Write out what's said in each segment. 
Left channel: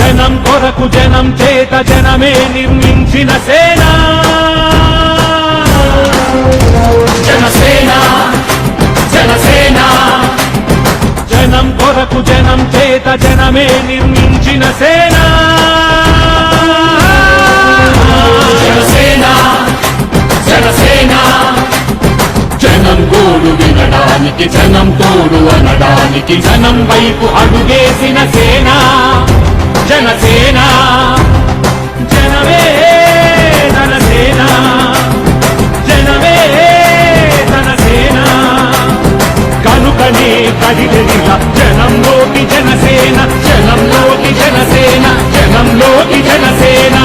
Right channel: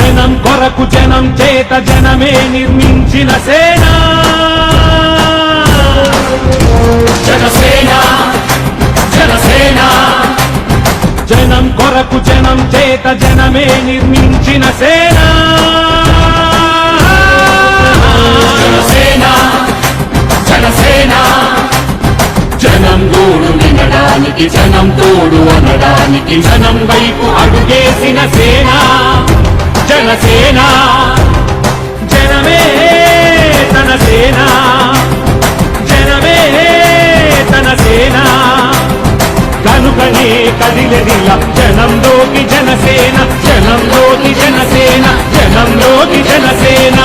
జనం కొరకు జనం చేత జనమే నిర్మించిన సేన జనసేన జనసేన జనం కొరకు జనం చేత జనమే నిర్మించిన సేన జనసేన జనసేన జనం గోడు వినడానికి జనం తోడు అనడానికి జనం వైపు అడుగేసిన సేన జనసేన జనమే తన సేన జనమే తన సేన కనుకనే కదిలెదిలా జనంలోకి జనసేన జనంలోకి జనసేన జనంలోకి జనసేన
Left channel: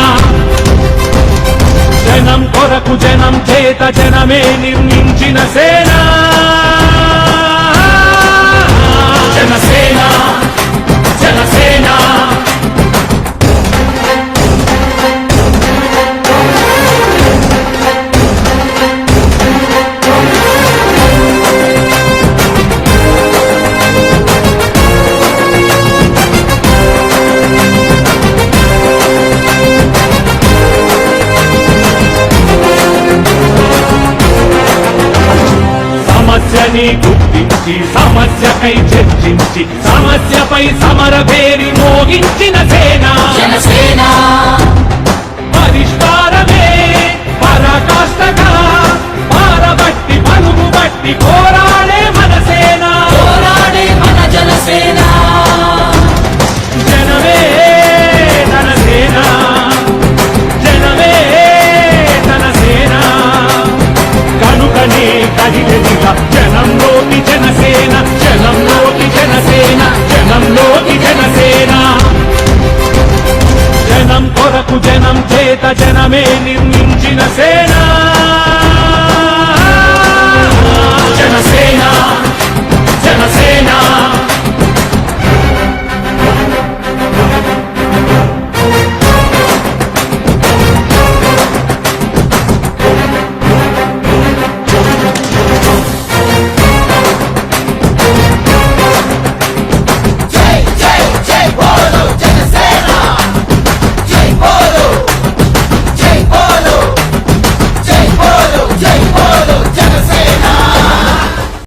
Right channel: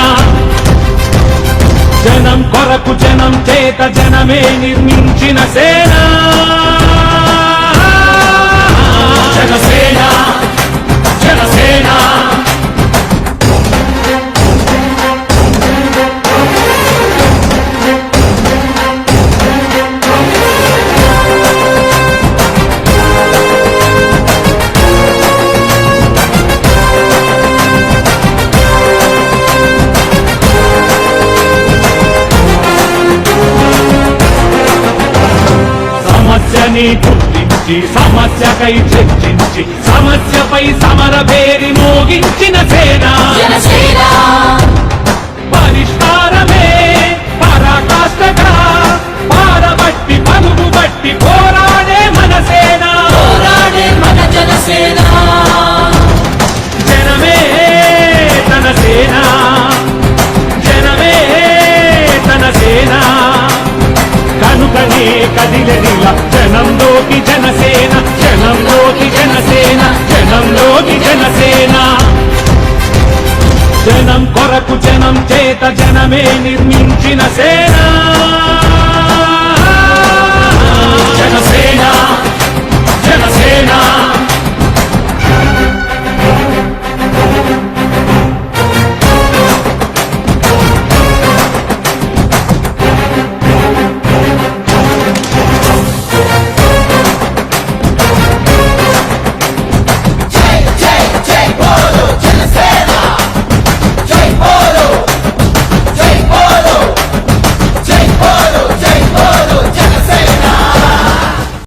జనం కొరకు జనం చేత జనమే నిర్మించిన సేన జనసేన జనసేన సమస్యని గుర్తించి సమస్యపై చర్చించి సమస్యపై సమర పేరి మోగించిన సేన పరిష్కారమే పరాకాష్ఠగా పారబట్టి పలుగు బట్టి పోరాడే మన సేన మన జనసేన జనమే తన సేన జనమే తన సేన కనుకనే కదిలెదిలా జనంలోకి జనసేన జనంలోకి జనసేన జనంలోకి జనసేన జనం కొరకు జనం చేత జనమే నిర్మించిన సేన